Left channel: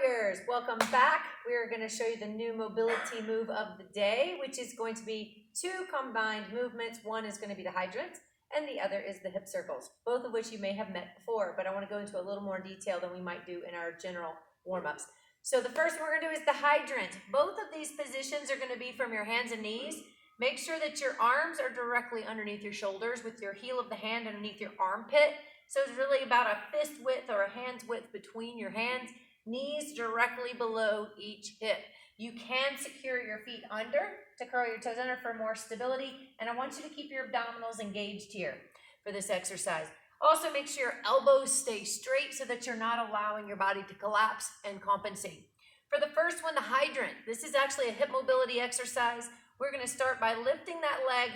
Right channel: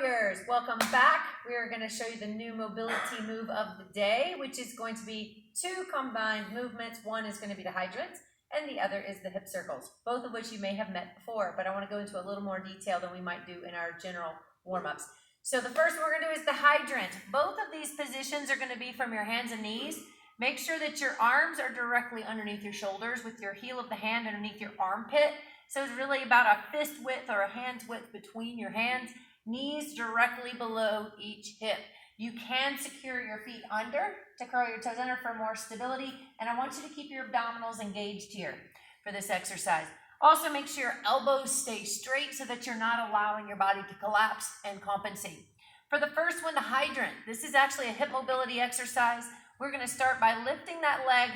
warriors, welcome back. We are going to show you the new mobility move of the day, which is going to be two combined movements. One is going to be the hydrants and the other is the hip circles, both of which you may have met before, but I want to go into a little more detail than we might do in our general warm-ups. So the first one we're going to do is the hydrant. Both of these positions are going to be from your hands and knees. Make sure that your arms are directly underneath your shoulders with your heel of the hand underneath your armpit. So it's really about a fist width or a hand's width between your hands, knees directly below each hip. You can secure your feet under to curl your toes under for more stability, and I want you to keep your abdominals engaged here for this exercise. Also make sure your elbows stay straight so that you're not allowing your body to collapse and compensate. For the first one, the hydrant, this is actually a hip mobility exercise. We're going to start by lifting that leg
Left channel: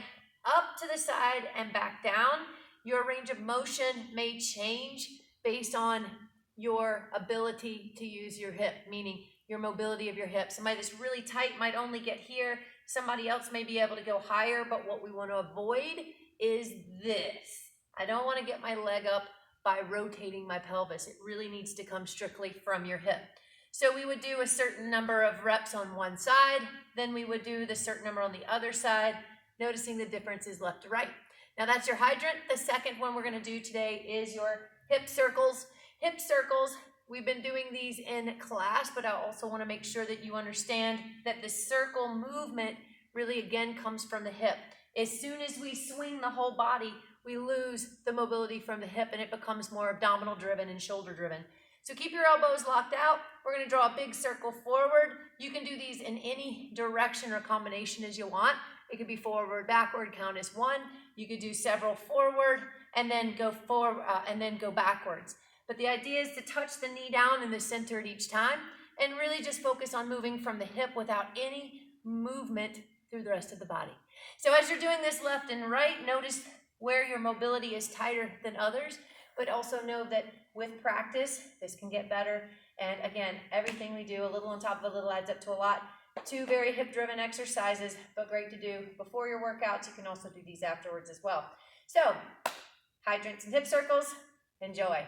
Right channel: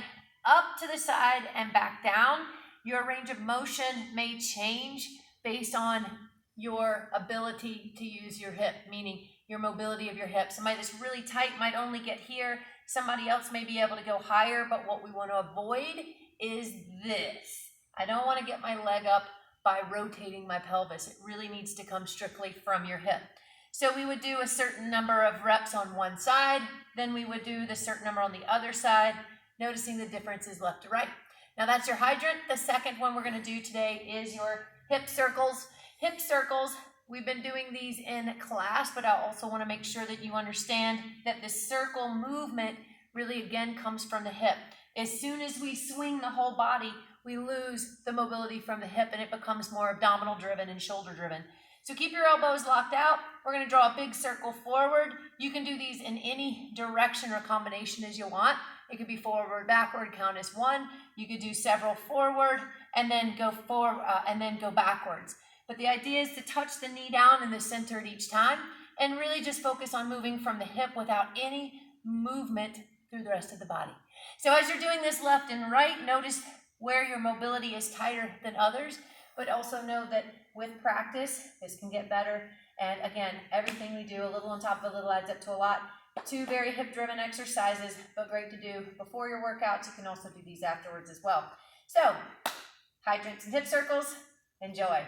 up to the side and back down. Your range of motion may change based on your ability to use your hip, meaning your mobility of your hip. Somebody that's really tight might only get here. Somebody else may be able to go higher, but what we want to avoid is this. I don't want to get my leg up by rotating my pelvis. It really needs to come strictly from your hip. So we would do a certain number of reps on one side, then we would do the certain number on the other side, noticing the differences left to right. Now that's your hydrant. The second one we're going to do today is your hip circles. Hip circles, we've been doing these in class, but I also want to make sure that you understand that the circle movement really again comes from the hip. As soon as we swing the whole body, we lose the mobility from the hip and it becomes more abdominal driven and shoulder driven. So keep your elbows locked out. We're going to draw a big circle forward. You can do these in any direction or combination as you want. It could be forward, backward, count as one. You could do several forward and then go forward and then go backwards. But the idea is to touch the knee down in the center at each time and really just focus on moving from the hip without any movement through the rest of the body. So as you're doing this left and right, notice where your mobility is tighter than others, but also know that with practice, this can get better. And again, everything we do, a little on top of a little adds up to a lot. Two very hip-driven exercises, but great to do before your workouts. You can also do these afterwards as well. So, hydrants and hip circles, enjoy.